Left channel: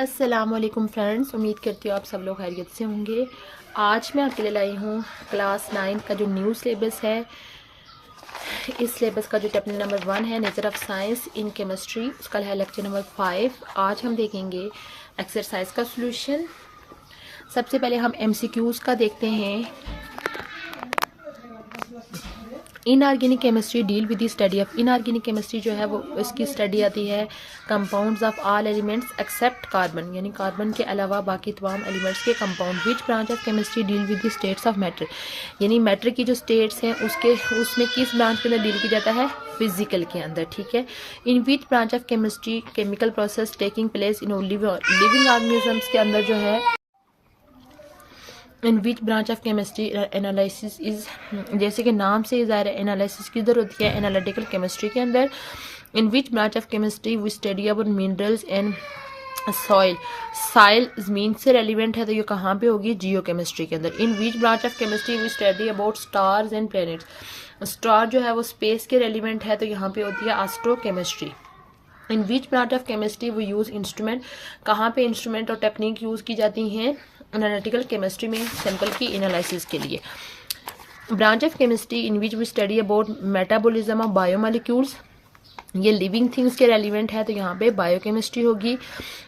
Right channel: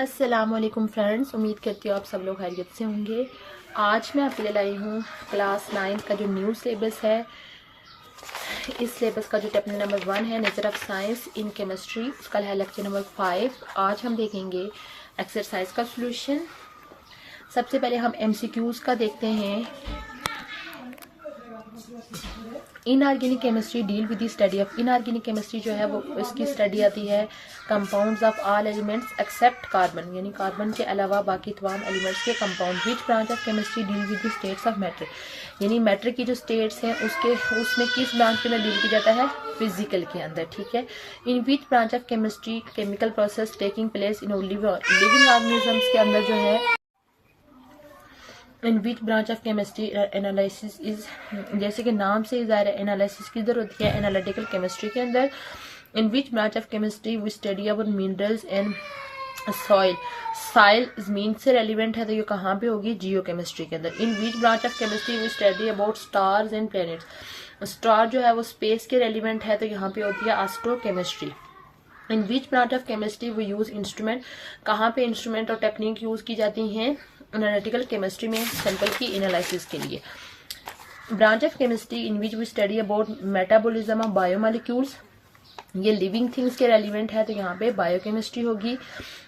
अस्सलामुअलैकुम फ्रेंड्स, उम्मीद करती हूँ आप सब लोग खैरियत से होंगे। आज मैं आपके लिए लाई हूँ क्लास 9 का जो न्यू सिलेबस है। इस सिलेबस का जो चैप्टर नंबर 1 है nature of science in chemistry, उसका है लेक्चर नंबर 5। आज हम देखेंगे एक्सरसाइज का सॉल्यूशन। सबसे पहले हम एमसीक्यूज़ का देखते हैं। Inorganic chemistry deal with the study of inorganic chemistry जो है वो इसकी स्टडी आती है compounds of all elements except carbon, यानी कार्बन के अलावा बाकी तमाम एलिमेंट्स के compound. Which branch of chemistry deal with the states of matter, यानी मैटर की जो स्टेट्स हैं उसमें किस ब्रांच के अंदर डील किया जाता है, फिजिकल के अंदर। ठीक है। In which branch of chemistry chemical process taking place in living organisms के अंदर जो है in which branch of chemistry analysis is, जैसे कि नाम से ज़ाहिर है एनालिसिस किधर होती है, एनालिटिकल केमिस्ट्री के अंदर। In which branch of chemistry we study about minerals and soil, soil mean से रेलिवेंट है तो ये कहाँ पे होगी, जियो केमिस्ट्री के अंदर। In which branch of chemistry we study about stars and planets, star जो है वो स्पेस के रेलिवेंट है तो यहाँ पे होती है astro chemistry. In which branch of chemistry we use instrument, कहाँ पे इंस्ट्रूमेंट और टेक्निक यूज की जाती हैं, एनालिटिकल केमिस्ट्री में सैंपल की एनालिसिस के लिए। Branch of chemistry in which we study about metabolism of biomolecules, ये लिविंग थिंग्स के रेलिवेंट है तो यहाँ पे बायोकेमिस्ट्री होगी।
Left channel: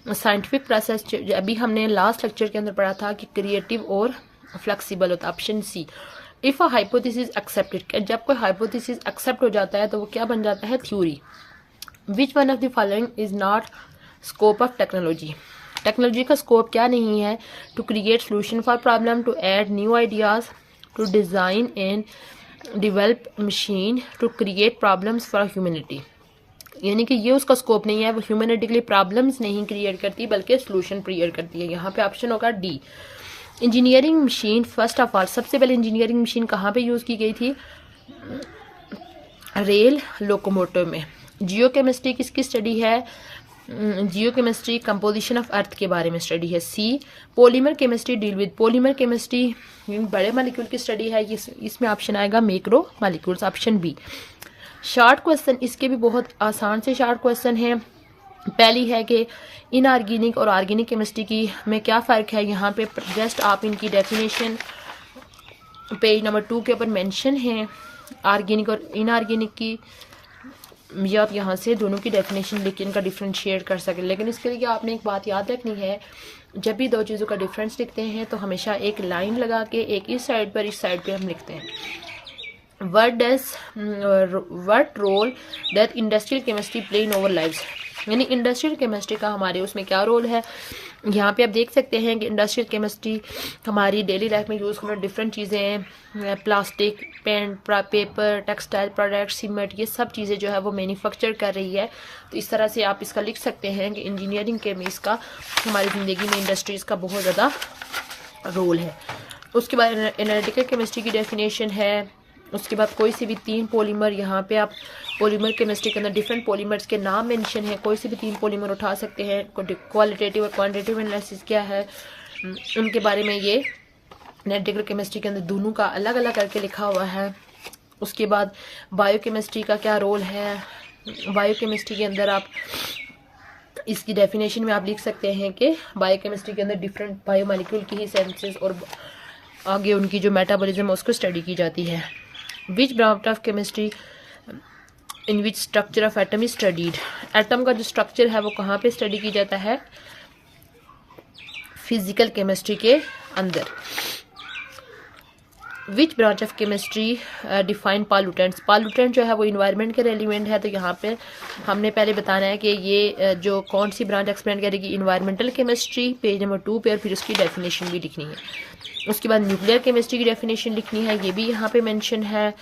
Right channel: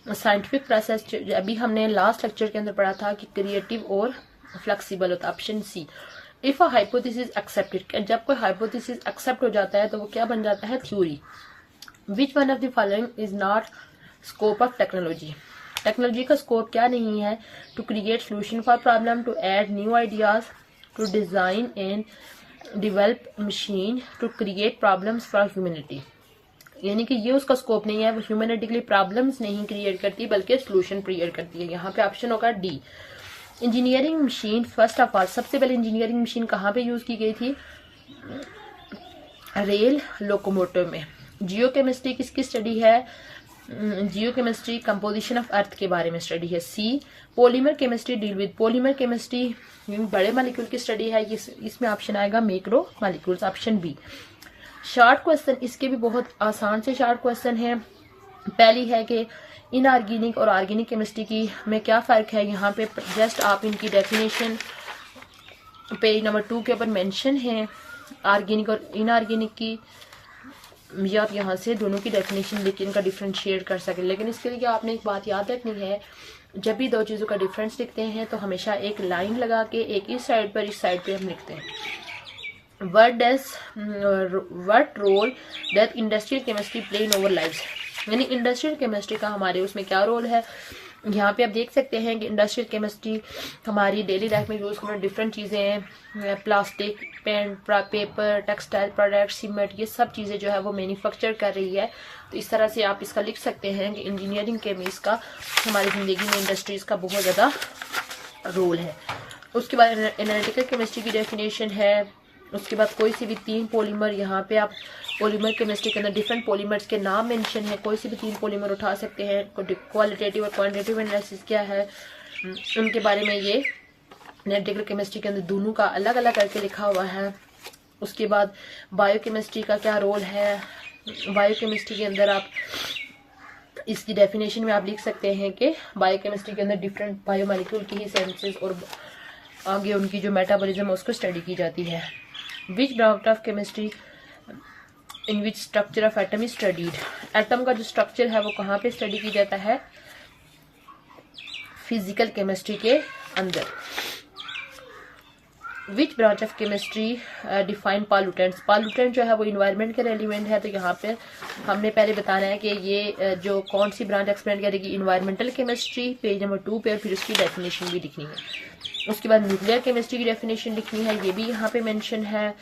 साइंटिफिक प्रोसेस अभी हमने लास्ट लेक्चर के अंदर पढ़ा था कि क्रिएटिव और फ्लेक्सिबल होता है, option C. If a hypothesis accepted, जब कोई हाइपोथेसिस एक्सेप्ट हो जाता है तो वो क्या बन जाता है, theory. Which one of the following is not scope of technology, technology का स्कोप क्या नहीं है, to create solution for problem, to add new ideas, to design and develop machine, to create problems for humanity, यानी कि ये उसका scope नहीं है, वो ह्यूमैनिटी के लिए प्रॉब्लम्स नहीं क्रिएट करती बल्कि सोल्यूशन क्रिएट करती है। यहाँ पे ऑप्शन होगा D. Engineering machine first of all, सबसे पहले इंजीनियरिंग मशीन कहाँ पे यूज की गई थी, रेल लोकोमोटिव में। जियो केमिस्ट्री किसकी स्टडी है, geochemistry composition of earth के बारे में स्टडी है। C. Polymer chemistry deal with, polymer chemistry बड़े मॉलिक्यूल की स्टडी है, इसमें ऑप्शन आएगा macromolecules, option B. Short question, इसके भी बहुत आसान से शॉर्ट क्वेश्चन है। पहली है कि इनऑर्गेनिक और ऑर्गेनिक केमिस्ट्री की में क्या फ़र्क है, यहाँ पे जस्ट आप इनकी डेफिनेशन पेज नंबर 2 के ऊपर मेंशन है ऑर्गेनिक और इनऑर्गेनिक की, ये आप यहाँ से दोनों की डेफिनेशन लिख के इनका डिफ्रेंशिएट कर सकें। लेकिन इसके लिए आपने एक बात याद रखनी है, जब भी दो चीज़ों का डिफरेंस लिखते हैं तो हमेशा एक लाइन लगा के एक इस साइड पर इस साइड पे हम लिखते हैं। What role that industrial chemistry play in our lives, यानी इंडस्ट्रियल केमिस्ट्री का हमारे उसमें क्या रोल है। यहाँ पे आप देख सकते हैं कि इंडस्ट्रियल केमिस्ट्री हमारी डेली लाइफ में यूज़ करने डिफरेंट चीज़ें हैं, plastic, paint, paper, textile product, cement, ये सब चीज़ें जो है वो मैन्युफैक्चर कर रही है। तो इस तरह से आप इसका लिख सकते हैं कि इंजीनियरिंग के में इसका हमारी ज़िंदगी में इंडस्ट्रीज़ का बहुत ज़्यादा रोल है। उसके बाद एनालिटिकल केमिस्ट्री की डेफिनेशन है। उसके बाद कोई सी भी 3 पॉलीमर, यहाँ पे आप पॉलीमर केमिस्ट्री के अंदर डिफरेंट पॉलीमर्स के नाम मेंशन है, कोई से भी 3 पॉलीमर उठा सकते हैं। क्वालिटेटिव और क्वांटिटेटिव एनालिसिस क्या है उनके बारे में ये एनालिटिकल केमिस्ट्री के अंदर दोनों का अलग अलग करके लिखा हुआ है। उसके बाद बायोकेमिस्ट्री का क्या रोल है, बायोकेमिस्ट्री के अंदर आप इसकी डेफिनेशन में आप लिख सकते हैं कि बायोकेमिस्ट्री के अंदर डिफरेंट बायोमॉलिक्यूल की ही सेंसेस और आगे उनकी जो मेटाबॉलिज्म है उसको स्टडी की जाती है। विच branch of chemistry in which structure of atom is studied, atom का जो स्ट्रक्चर है वो कहाँ पे स्टडी की जाता है, फिजिकल केमिस्ट्री के अंदर। विच branch of chemistry define pollutants, pollutant जो है वो इन्वायरमेंट के रेलिवेंट है तो यहाँ पे हमने पहले बताना है कि ये जो कौन सी ब्रांच एक्सप्लेन करेगी, इन्वायरमेंटल केमिस्ट्री, पेज नंबर 2 पे, और फिर उसकी डेफिनेशन भी लिखनी है। उसके बाद न्यूक्लियर केमिस्ट्री की डेफिनेशन लिखनी है, ये भी यहाँ पे मेंशन है।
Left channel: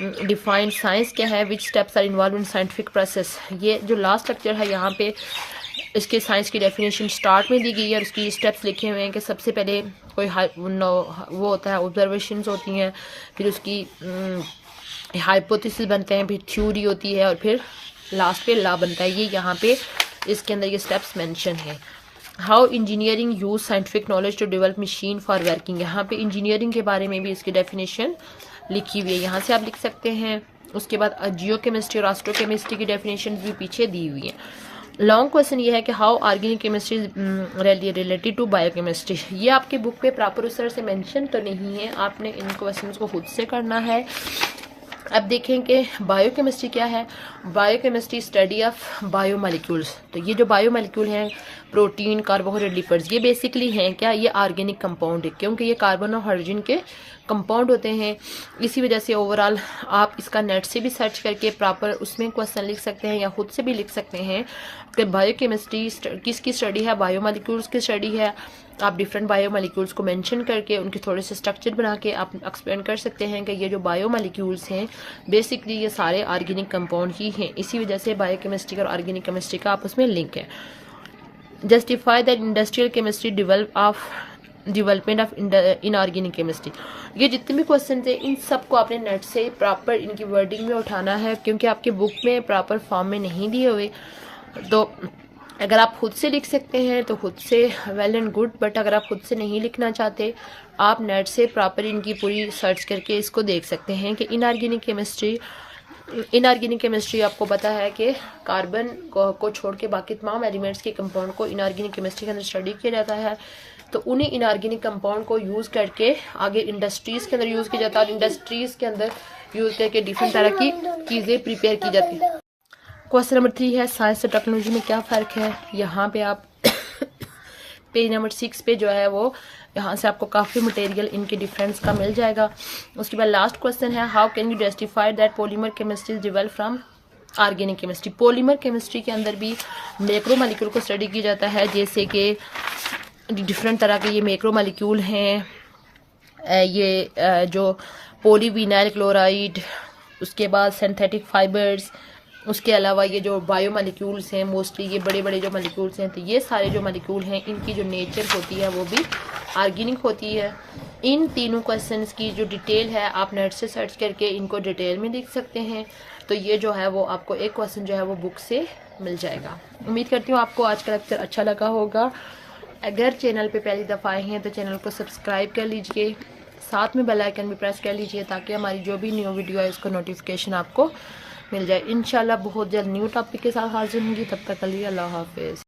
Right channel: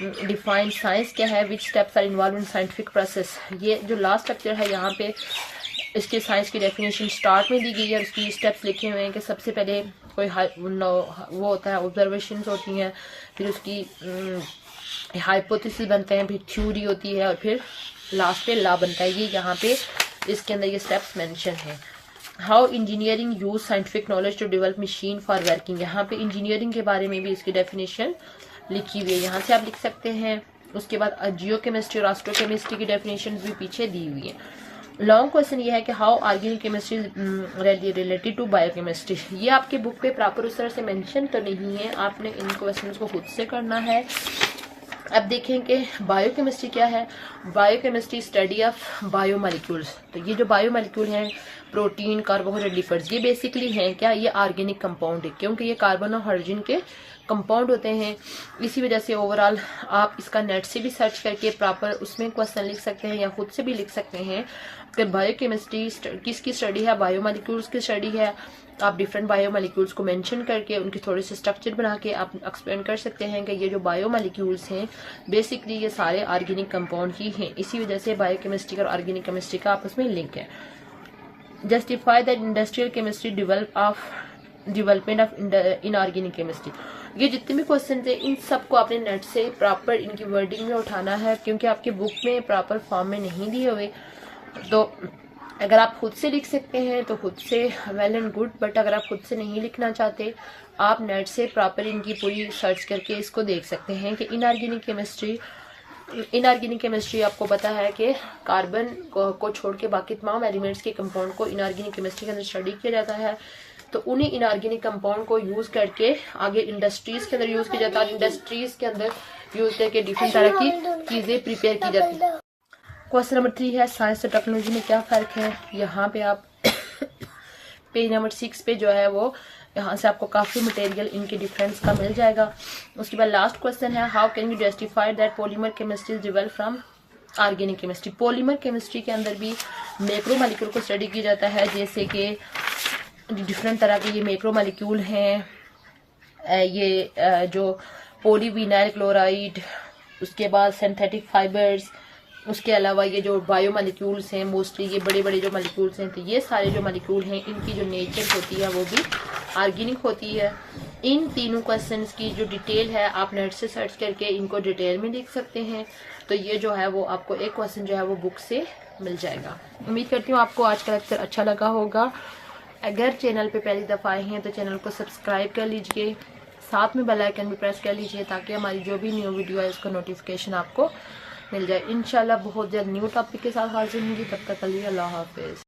डिफाइन साइंस क्या है, which steps are involve in scientific process, ये जो लास्ट लेक्चर है यहाँ पे इसके साइंस की डेफिनेशन स्टार्ट में दी गई है और उसकी स्टेप्स लिखे हुए हैं कि सबसे पहले कोई वो होता है, ऑब्जर्वेशंस होती हैं, फिर उसकी हाइपोथेसिस बनते हैं, फिर थ्योरी होती है और फिर लास्ट पे लॉ बनता है। ये यहाँ पे इसके अंदर ये स्टेप्स मेंशन है। How engineering use scientific knowledge to develop machine for working, यहाँ पे इंजीनियरिंग के बारे में भी इसकी डेफिनेशन लिखी हुई है, यहाँ से आप लिख सकते हैं। उसके बाद जियो केमिस्ट्री और एस्ट्रो केमिस्ट्री की डेफिनेशन भी पीछे दी हुई है। लॉन्ग क्वेश्चन ये है कि how organic chemistry related to biochemistry. ये आपके बुक पे प्रॉपर उस तरह से मेंशन तो नहीं है, आपने इन क्वेश्चंस को खुद से करना है। अब देखें कि बायोकेमिस्ट्री क्या है। Biochemistry study of biomolecules. तो ये जो बायोमोलिक्यूल हैं, प्रोटीन, कार्बोहाइड्रेट, लिपिड्स, ये बेसिकली हैं क्या, ये ऑर्गेनिक कंपाउंड है, क्योंकि ये कार्बन और हाइड्रोजन के कंपाउंड होते हैं। इसी वजह से ओवरऑल आप इसका नेट से भी सर्च करके प्रॉपर उसमें क्वेश्चन लिख सकते हैं या खुद से भी लिख सकते हैं कि बायोकेमिस्ट्री किसकी स्टडी है, बायोमोलिक्यूल्स की स्टडी है। आप डिफरेंट बायोमोलिक्यूल्स को मेंशन करके उनके थोड़े से स्ट्रक्चर बना के आप एक्सप्लेन कर सकते हैं कि ये जो बायोमोलिक्यूल्स हैं बेसिकली ये सारे ऑर्गेनिक कंपाउंड ही हैं। इसी वजह से बायोकेमिस्ट्री और ऑर्गेनिक केमिस्ट्री का आपस में लिंक है। Justify that industrial chemistry development of inorganic chemistry. ये जितने भी क्वेश्चन थे इन सबको आपने नेट से प्रॉपर इनकी वर्डिंग में उठाना है, क्योंकि आपके बुक में प्रॉपर फॉर्म में नहीं दिए हुए। तो अगर आप खुद से लिख सकते हैं तो खुद से वेल एंड गुड, बट अगर आप खुद से नहीं लिखना चाहते आप नेट से प्रॉपर इनकी पूरी सर्च करके इसको देख सकते हैं कि इनऑर्गेनिक केमिस्ट्री आपको पता है कि कार्बन को छोड़ के बाकी तमाम एलिमेंट्स के कंपाउंड को इनऑर्गेनिक केमिस्ट्री के अंदर स्टडी किया जाता है। तो उन्हीं इनऑर्गेनिक कंपाउंड को यूज करके आगे इंडस्ट्रीज के अंदर यूज किया जाता है और इंडस्ट्रीज के अंदर यूज करके डिफरेंट तरह की चीजें प्रिपेयर की जाती है। क्वेश्चन नंबर 3 है साइंस और टेक्नोलॉजी में क्या फ़र्क है। यहाँ पे आप पेज नंबर 6 पे जो है वो यहाँ से आपको काफ़ी मटेरियल इनके डिफरेंस का मिल जाएगा। उसके बाद लास्ट क्वेश्चन है how can you justify that polymer chemistry develop from organic chemistry. Polymer chemistry के अंदर भी मैक्रो मॉलिक्यूल को स्टडी किया जाता है, जैसे कि डिफरेंट तरह के ये मैक्रो मॉलिक्यूल हैं, ये जो पॉलीविनाइल क्लोराइड, उसके बाद सिंथेटिक फाइबर्स, उसके अलावा ये जो बायोमोलिक्यूल्स हैं मोस्टली ये बड़े बड़े जो मॉलिक्यूल्स हैं, तो ये सारे जो मॉलिक्यूल हैं इनकी जो नेचर होती है वो भी ऑर्गेनिक होती है। इन तीनों क्वेश्चंस की जो डिटेल है आप नेट से सर्च करके इनको डिटेल में लिख सकते हैं। तो ये जो है वो आपको एक क्वेश्चन जो है वो बुक से मिल जाएगा। उम्मीद करती हूँ आपको आज का लेक्चर अच्छा लगा होगा। अगर चैनल पे पहली दफ़ा आए हैं तो चैनल को सब्सक्राइब कर लीजिए, साथ में बेल आइकन भी प्रेस कर लीजिए ताकि हमारी जो भी न्यू वीडियो है इसका नोटिफिकेशन आपको मिल जाए। इंशाल्लाह बहुत जल्द न्यू टॉपिक के साथ हाजिर होंगी, तब तक के लिए अल्लाह हाफिज़।